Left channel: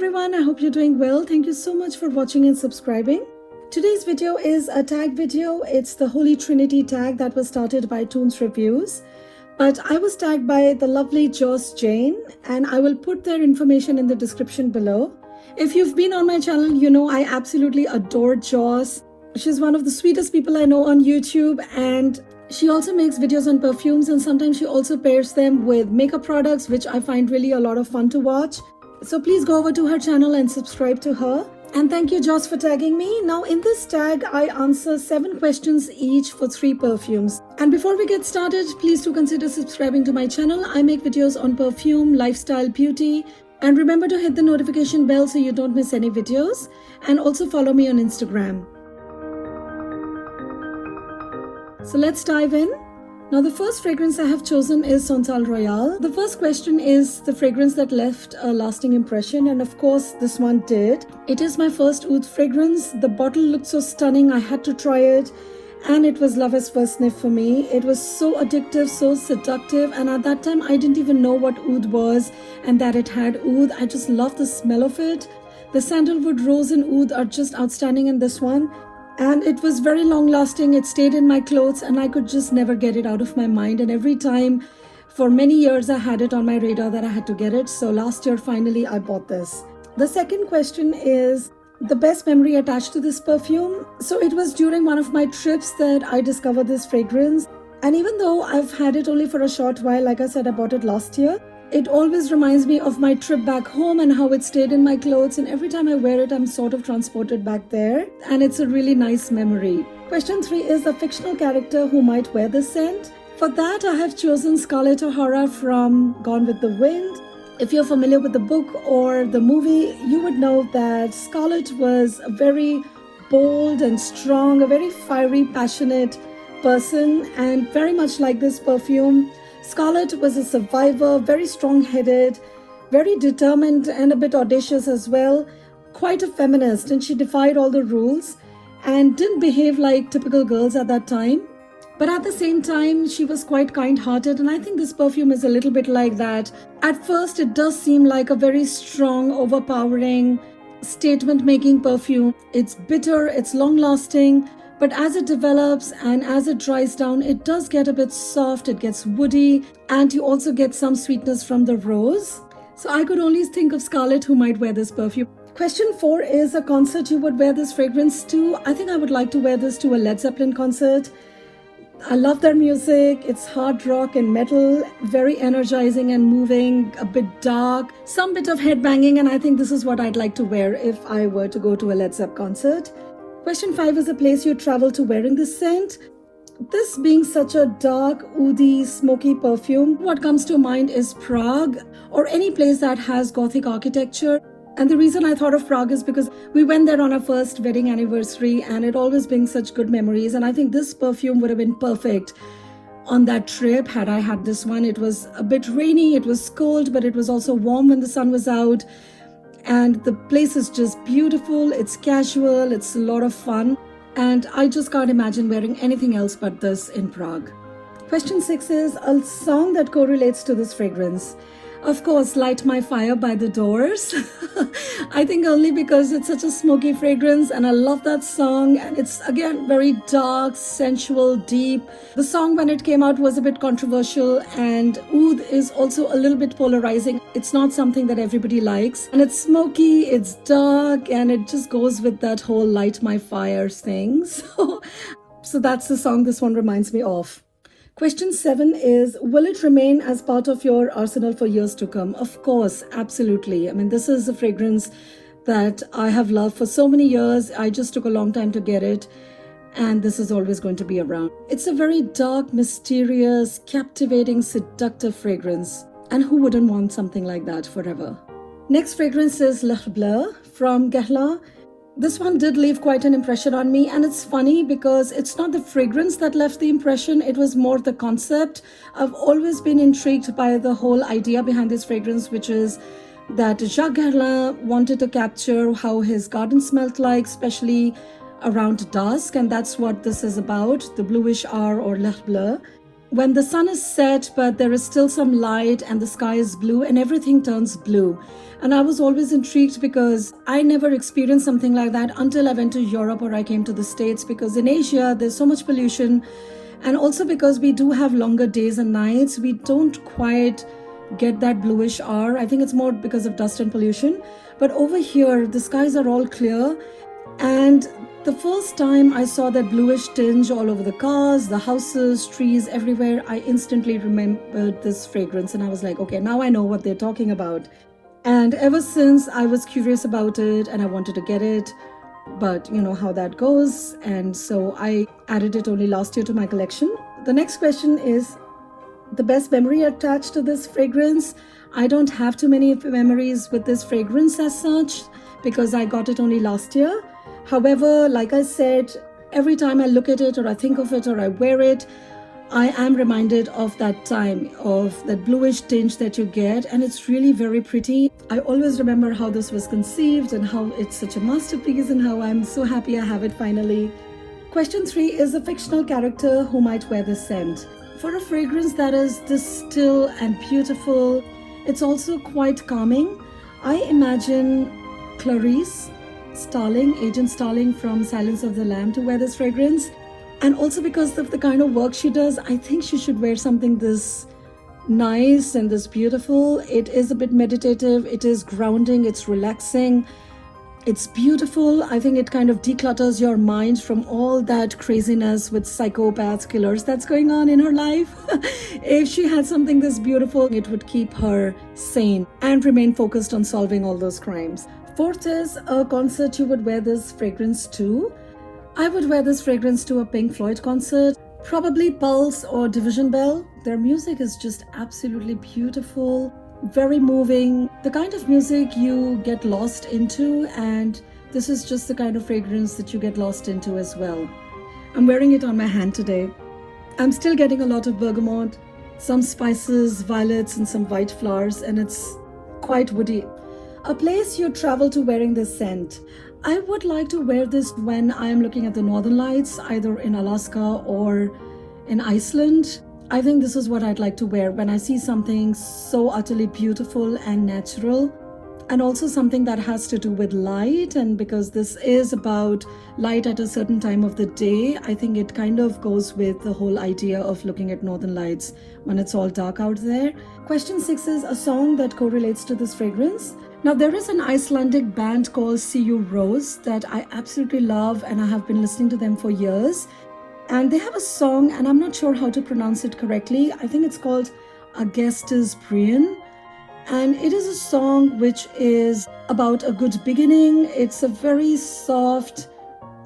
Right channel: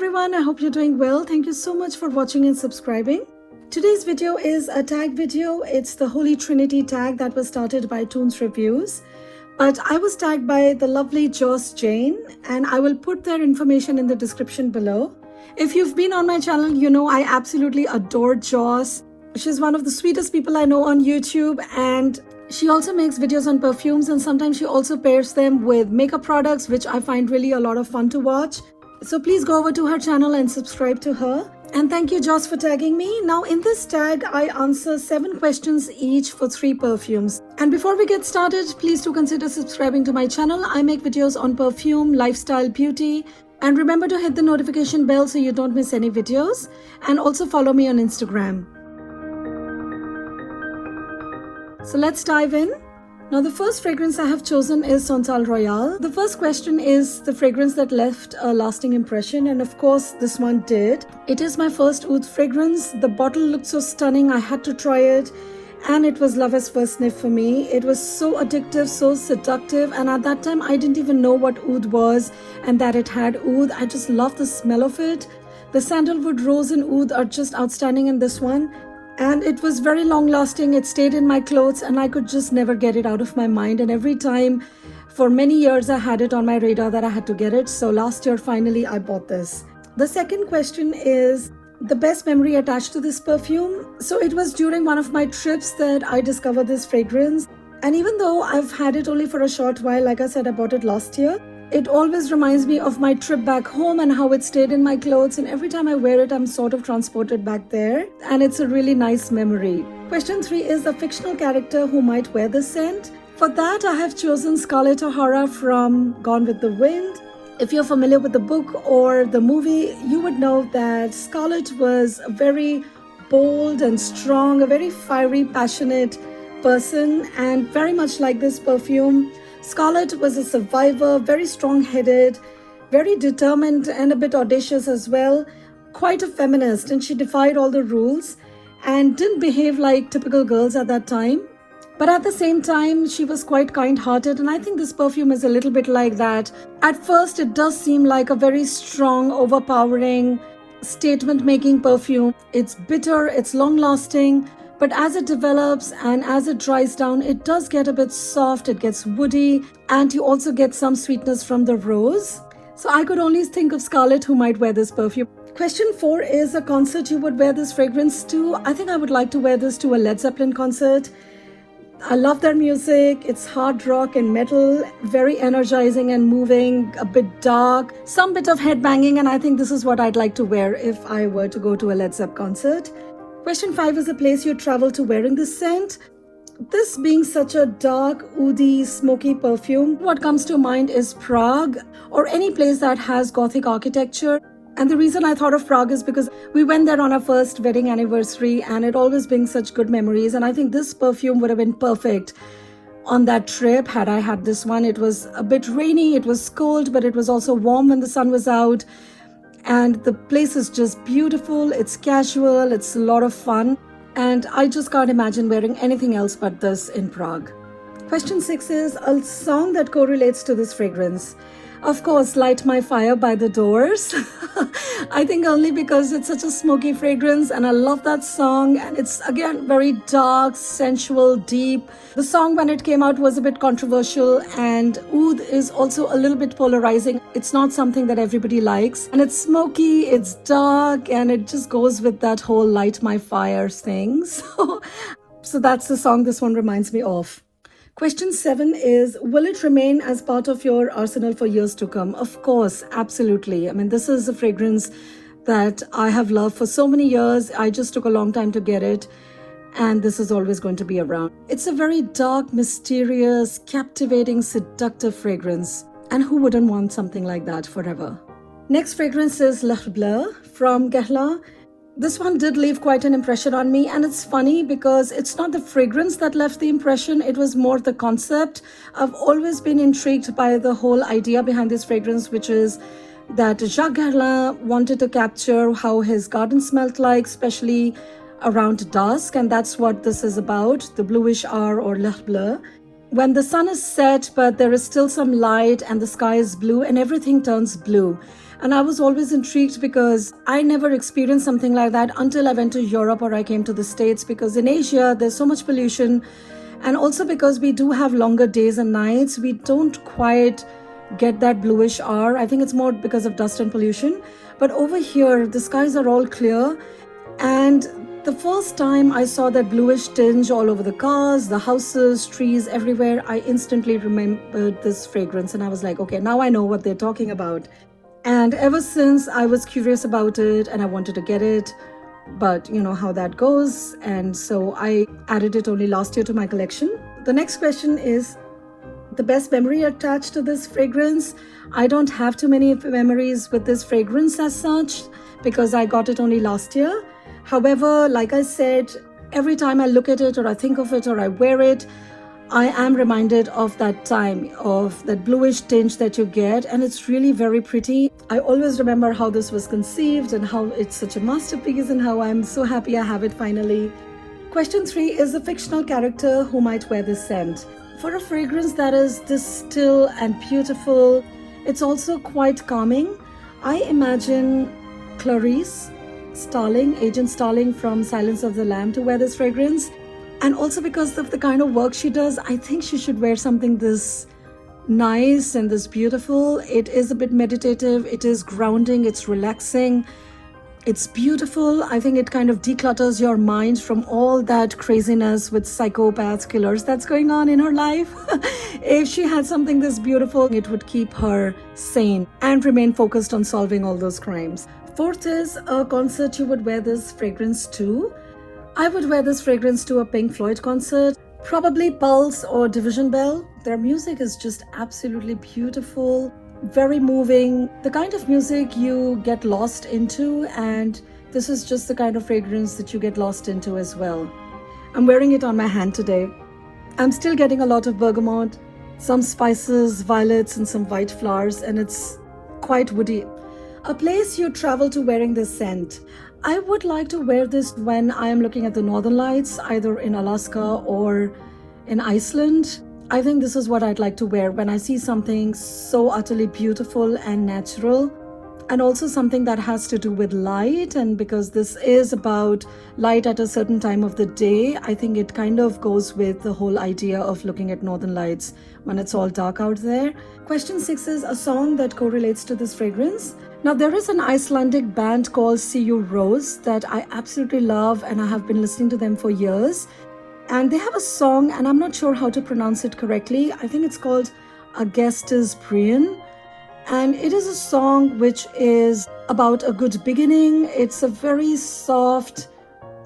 everyone, I hope you're doing well. Thank you so much for watching and subscribing. Today's video is a tag video. It's the Holy Trinity tag that was started by Toons Reviews. But I was tagged by the lovely Joss Jane, and I will put their information in the description below. If you've been on my channel, you know I absolutely adore Joss. She's one of the sweetest people I know on YouTube, and she also makes videos on perfumes, and sometimes she also pairs them with makeup products, which I find really a lot of fun to watch. So please go over to her channel and subscribe to her. And thank you, Joss, for tagging me. Now in this tag, I answer 7 questions each for 3 perfumes. And before we get started, please do consider subscribing to my channel. I make videos on perfume, lifestyle, beauty. And remember to hit the notification bell so you don't miss any videos. And also follow me on Instagram. So let's dive in. Now the first fragrance I have chosen is Santal Royale. The first question is the fragrance that left a lasting impression, and of course this one did. It is my first oud fragrance. The bottle looked so stunning, I had to try it, and it was love at first sniff for me. It was so addictive, so seductive, and at that time I didn't even know what oud was and that it had oud. I just love the smell of it. The sandalwood, rose and oud are just outstanding in this one. And it was very long lasting. It stayed in my clothes and I could just never get it out of my mind. And every time for many years I had it on my radar that I had to get it. So last year finally I bought this. The second question is the best memory attached to this perfume. So it was during one of my trips that I discovered this fragrance. And even though I've had it only for a short while, like I said, I bought it last year, it always reminds me of my trip back home and how it stayed in my clothes, and every time I wear it, I'm sort of transported back there, and it's a really nice memory. Question 3 is the fictional character who might wear the scent. For that, I have chosen Scarlett O'Hara from Gone with the Wind. If you're familiar with the book or the movie, you would know that Scarlett was a very bold and strong, a very fiery, passionate person, and very much like this perfume, Scarlett was a survivor, very strong-headed, very determined and a bit audacious as well, quite a feminist, and she defied all the rules and didn't behave like typical girls at that time. But at the same time, she was quite kind-hearted, and I think this perfume is a little bit like that. At first, it does seem like a very strong, overpowering, statement-making perfume. It's bitter, it's long-lasting, but as it develops and as it dries down, it does get a bit soft, it gets woody, and you also get some sweetness from the rose. So I could only think of Scarlett who might wear this perfume. Question 4 is a concert you would wear this fragrance to. I think I would like to wear this to a Led Zeppelin concert. I love their music. It's hard rock and metal, very energizing and moving, a bit dark, some bit of headbanging, and I think this is what I'd like to wear if I were to go to a Led Zeppelin concert. Question 5 is a place you travel to wearing this scent. This being such a dark, oudy, smoky perfume, what comes to mind is Prague or any place that has Gothic architecture. And the reason I thought of Prague is because we went there on our first wedding anniversary, and it always brings such good memories. And I think this perfume would have been perfect on that trip had I had this one. It was a bit rainy, it was cold, but it was also warm when the sun was out. And the place is just beautiful, it's casual, it's a lot of fun, and I just can't imagine wearing anything else but this in Prague. Question 6 is a song that correlates to this fragrance. Of course, Light My Fire by The Doors. I think only because it's such a smoky fragrance and I love that song, and it's again very dark, sensual, deep. The song when it came out was a bit controversial, and oud is also a little bit polarizing. It's not something that everybody likes, and it's smoky, it's dark, and it just goes with that whole Light My Fire thing. So that's the song this one reminds me of. Question 7 is, will it remain as part of your arsenal for years to come? Of course, absolutely. I mean, this is a fragrance that I have loved for so many years. I just took a long time to get it, and this is always going to be around. It's a very dark, mysterious, captivating, seductive fragrance. And who wouldn't want something like that forever? Next fragrance is L'Heure Bleue from Guerlain. This one did leave quite an impression on me, and it's funny because it's not the fragrance that left the impression, it was more the concept. I've always been intrigued by the whole idea behind this fragrance, which is that Jacques Guerlain wanted to capture how his garden smelled like, especially around dusk, and that's what this is about, the bluish hour or L'Heure Bleue. when the sun is set, but there is still some light and the sky is blue and everything turns blue. And I was always intrigued because I never experienced something like that until I went to Europe or I came to the States, because in Asia, there's so much pollution. And also because we do have longer days and nights, we don't quite get that bluish hour. I think it's more because of dust and pollution. But over here, the skies are all clear. And the first time I saw that bluish tinge all over the cars, the houses, trees, everywhere, I instantly remembered this fragrance. And I was like, okay, now I know what they're talking about. And ever since, I was curious about it and I wanted to get it. But you know how that goes. And so I added it only last year to my collection. The next question is the best memory attached to this fragrance. I don't have too many memories with this fragrance as such because I got it only last year. However, like I said, every time I look at it or I think of it or I wear it, I am reminded of that time, of that bluish tinge that you get, and it's really very pretty. I always remember how this was conceived and how it's such a masterpiece and how I'm so happy I have it finally. Question 3 is the fictional character who might wear this scent. For a fragrance that is this still and beautiful, it's also quite calming. I imagine Clarice Starling, Agent Starling from Silence of the Lamb, to wear this fragrance. And also because of the kind of work she does, I think she should wear something this nice and this beautiful. It is a bit meditative, it is grounding, it's relaxing, it's beautiful. I think it kind of declutters your mind from all that craziness with psychopaths, killers that's going on in her life. If she had something this beautiful, it would keep her sane and remain focused on solving all those crimes. 4th is a concert you would wear this fragrance to. I would wear this fragrance to a Pink Floyd concert, probably Pulse or Division Bell. Their music is just absolutely beautiful, very moving, the kind of music you get lost into, and this is just the kind of fragrance that you get lost into as well. I'm wearing it on my hand today. I'm still getting a lot of bergamot, some spices, violets, and some white flowers, and it's quite woody. A place you travel to wearing this scent. I would like to wear this when I am looking at the northern lights, either in Alaska or in Iceland. I think this is what I'd like to wear when I see something so utterly beautiful and natural, and also something that has to do with light. And because this is about light at a certain time of the day, I think it kind of goes with the whole idea of looking at northern lights when it's all dark out there. Question 6 is a song that correlates to this fragrance. Now, there is an Icelandic band called Sigur Rós that I absolutely love, and I have been listening to them for years. And they have a song, and I'm not sure how to pronounce it correctly. I think it's called Agestas Prian. And it is a song which is about a good beginning. It's a very soft,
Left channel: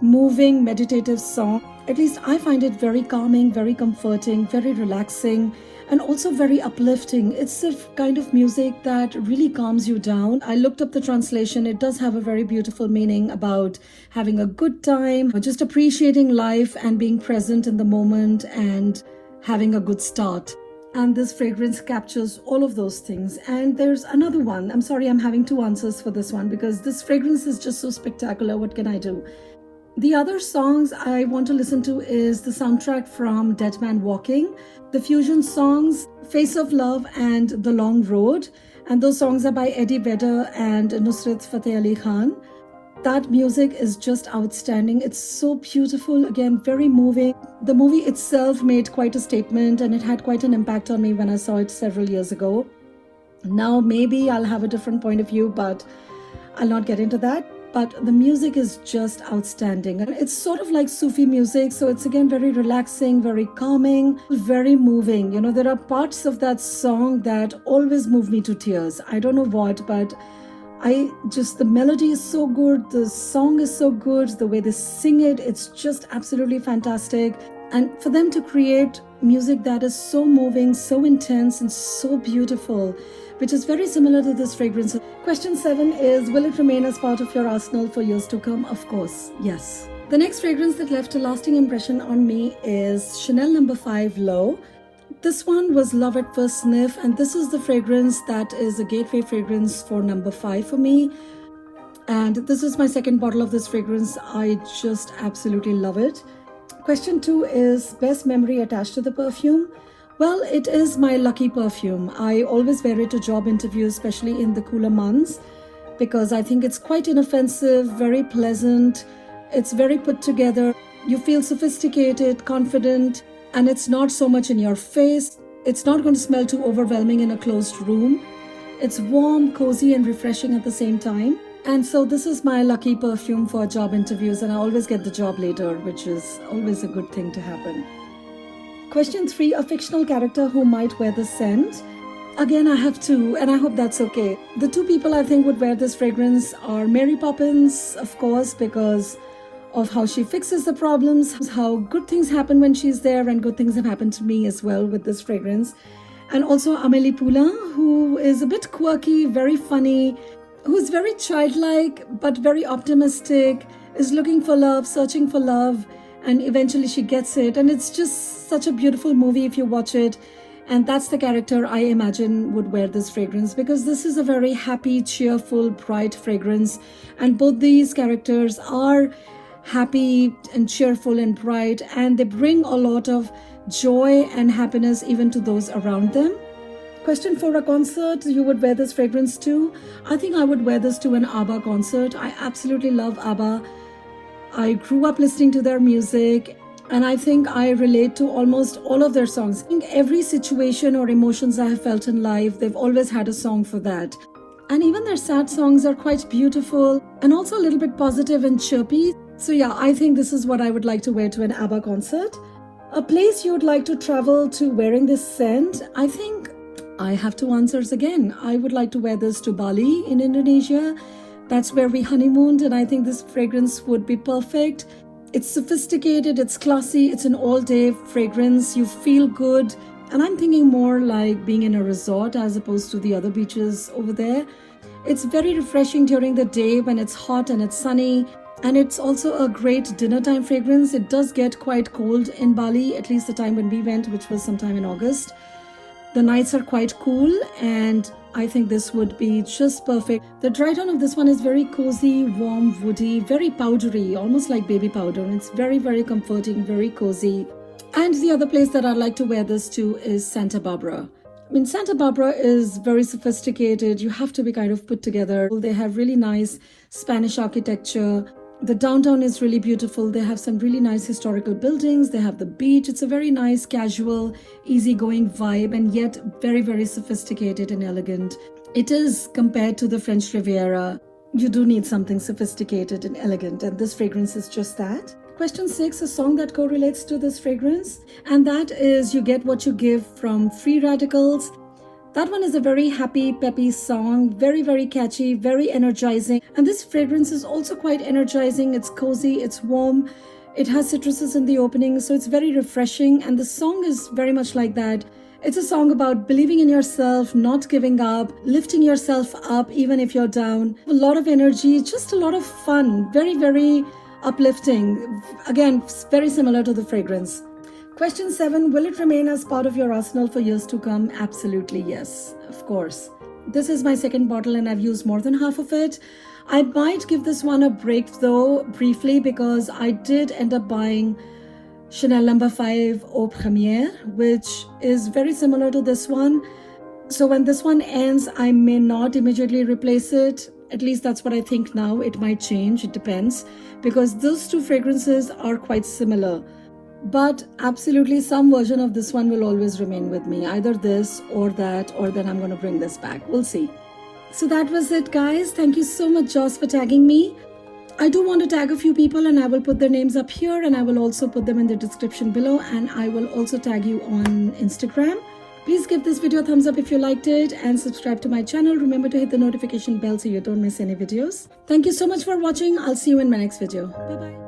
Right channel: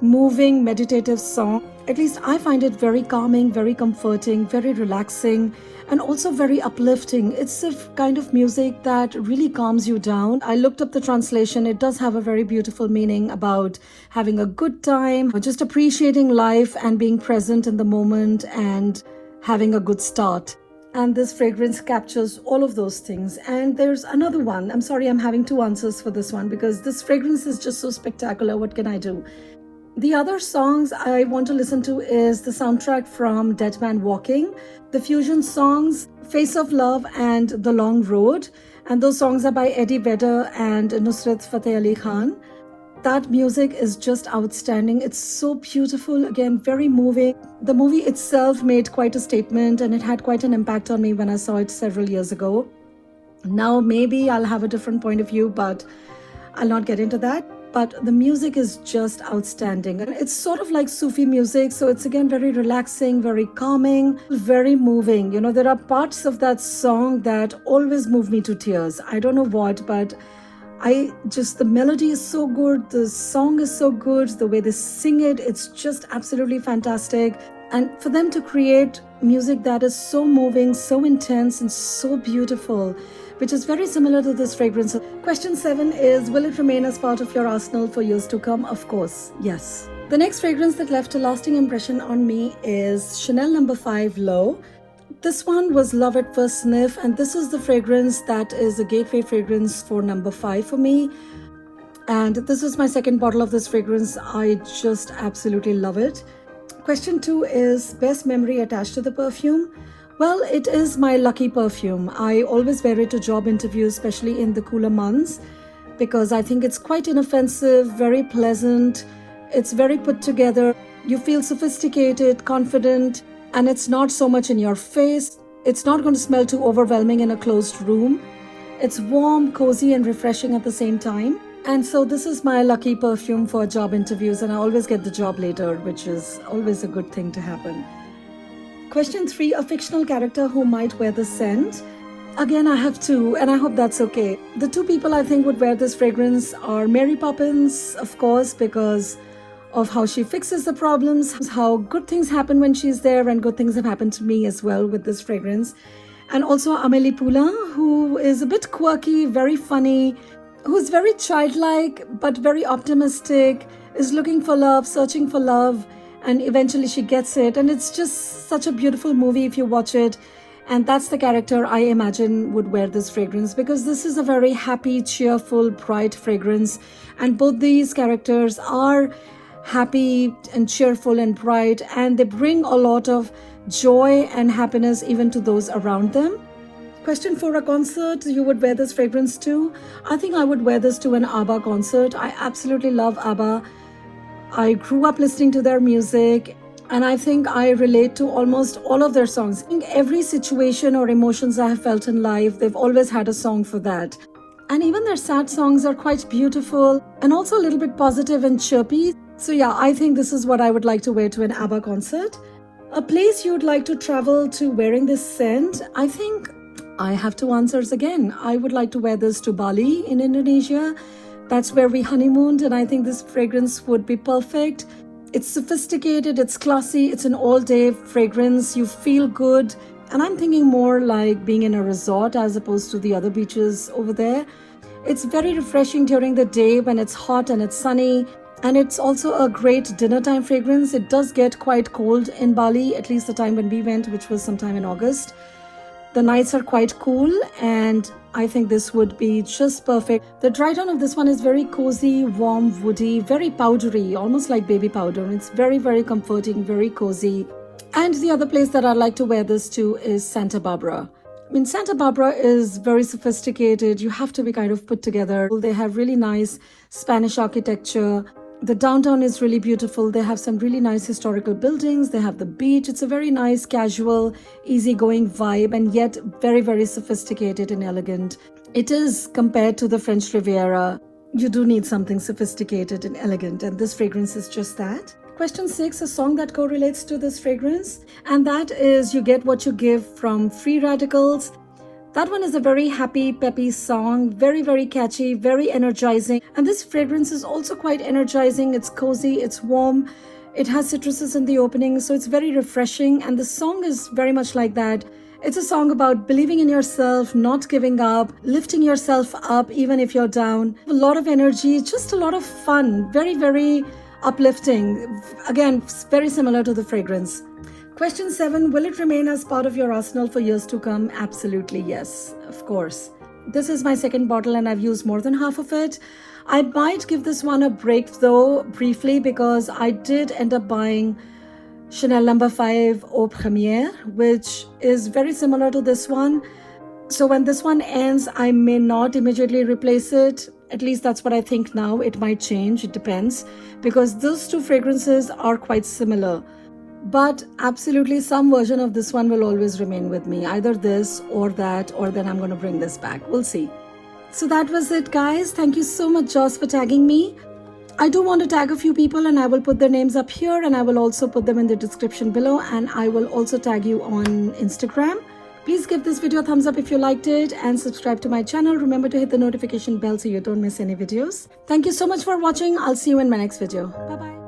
moving, meditative song. At least I find it very calming, very comforting, very relaxing, and also very uplifting. It's a kind of music that really calms you down. I looked up the translation. It does have a very beautiful meaning about having a good time, just appreciating life and being present in the moment and having a good start. And this fragrance captures all of those things. And there's another one. I'm sorry, I'm having 2 answers for this one because this fragrance is just so spectacular. What can I do? The other songs I want to listen to is the soundtrack from Dead Man Walking, the fusion songs Face of Love and The Long Road. And those songs are by Eddie Vedder and Nusrat Fateh Ali Khan. That music is just outstanding. It's so beautiful, again, very moving. The movie itself made quite a statement and it had quite an impact on me when I saw it several years ago. Now maybe I'll have a different point of view, but I'll not get into that. But the music is just outstanding. And it's sort of like Sufi music, so it's again very relaxing, very calming, very moving. You know, there are parts of that song that always move me to tears. I don't know what, but the melody is so good, the song is so good, the way they sing it, it's just absolutely fantastic. And for them to create music that is so moving, so intense, and so beautiful, which is very similar to this fragrance. Question 7 is, will it remain as part of your arsenal for years to come? Of course, yes. The next fragrance that left a lasting impression on me is Chanel No. 5 Low. This one was love at first sniff, and this is the fragrance that is a gateway fragrance for No. 5 for me. And this is my second bottle of this fragrance. I just absolutely love it. Question 2 is best memory attached to the perfume. Well, it is my lucky perfume. I always wear it to job interviews, especially in the cooler months, because I think it's quite inoffensive, very pleasant. It's very put together. You feel sophisticated, confident, and it's not so much in your face. It's not going to smell too overwhelming in a closed room. It's warm, cozy, and refreshing at the same time. And so this is my lucky perfume for job interviews, and I always get the job later, which is always a good thing to happen. Question 3, a fictional character who might wear the scent. Again, I have two, and I hope that's okay. The two people I think would wear this fragrance are Mary Poppins, of course, because of how she fixes the problems, how good things happen when she's there, and good things have happened to me as well with this fragrance. And also Amélie Poulain, who is a bit quirky, very funny, who's very childlike but very optimistic, is looking for love, searching for love, and eventually she gets it. And it's just such a beautiful movie if you watch it. And that's the character I imagine would wear this fragrance, because this is a very happy, cheerful, bright fragrance. And both these characters are happy and cheerful and bright, and they bring a lot of joy and happiness even to those around them. Question 4, a concert you would wear this fragrance to. I think I would wear this to an ABBA concert. I absolutely love ABBA. I grew up listening to their music, and I think I relate to almost all of their songs. I think every situation or emotions I have felt in life, they've always had a song for that. And even their sad songs are quite beautiful and also a little bit positive and chirpy. So yeah, I think this is what I would like to wear to an ABBA concert. A place you'd like to travel to wearing this scent. I think I have two answers again. I would like to wear this to Bali in Indonesia. That's where we honeymooned, and I think this fragrance would be perfect. It's sophisticated, it's classy, it's an all-day fragrance. You feel good. And I'm thinking more like being in a resort as opposed to the other beaches over there. It's very refreshing during the day when it's hot and it's sunny. And it's also a great dinner time fragrance. It does get quite cold in Bali, at least the time when we went, which was sometime in August. The nights are quite cool, and I think this would be just perfect. The dry tone of this one is very cozy, warm, woody, very powdery, almost like baby powder. It's very, very comforting, very cozy. And the other place that I'd like to wear this to is Santa Barbara. I mean, Santa Barbara is very sophisticated. You have to be kind of put together. They have really nice Spanish architecture. The downtown is really beautiful. They have some really nice historical buildings. They have the beach. It's a very nice, casual, easygoing vibe, and yet very, very sophisticated and elegant. It is compared to the French Riviera. You do need something sophisticated and elegant, and this fragrance is just that. Question 6, a song that correlates to this fragrance, and that is You Get What You Give from Free Radicals. That one is a very happy, peppy song, very, very catchy, very energizing. And this fragrance is also quite energizing. It's cozy, it's warm. It has citruses in the opening, so it's very refreshing. And the song is very much like that. It's a song about believing in yourself, not giving up, lifting yourself up even if you're down. A lot of energy, just a lot of fun, very, very uplifting. Again, very similar to the fragrance. Question 7, will it remain as part of your arsenal for years to come? Absolutely, yes, of course. This is my second bottle and I've used more than half of it. I might give this one a break though, briefly, because I did end up buying Chanel No. 5 Eau Première, which is very similar to this one. So when this one ends, I may not immediately replace it. At least that's what I think now. It might change, it depends, because those two fragrances are quite similar. But absolutely some version of this one will always remain with me, either this or that, or then I'm going to bring this back. We'll see. So that was it, guys. Thank you so much, Joss, for tagging me. I do want to tag a few people, and I will put their names up here, and I will also put them in the description below, and I will also tag you on Instagram. Please give this video a thumbs up if you liked it, and subscribe to my channel. Remember to hit the notification bell so you don't miss any videos. Thank you so much for watching. I'll see you in my next video. Bye-bye.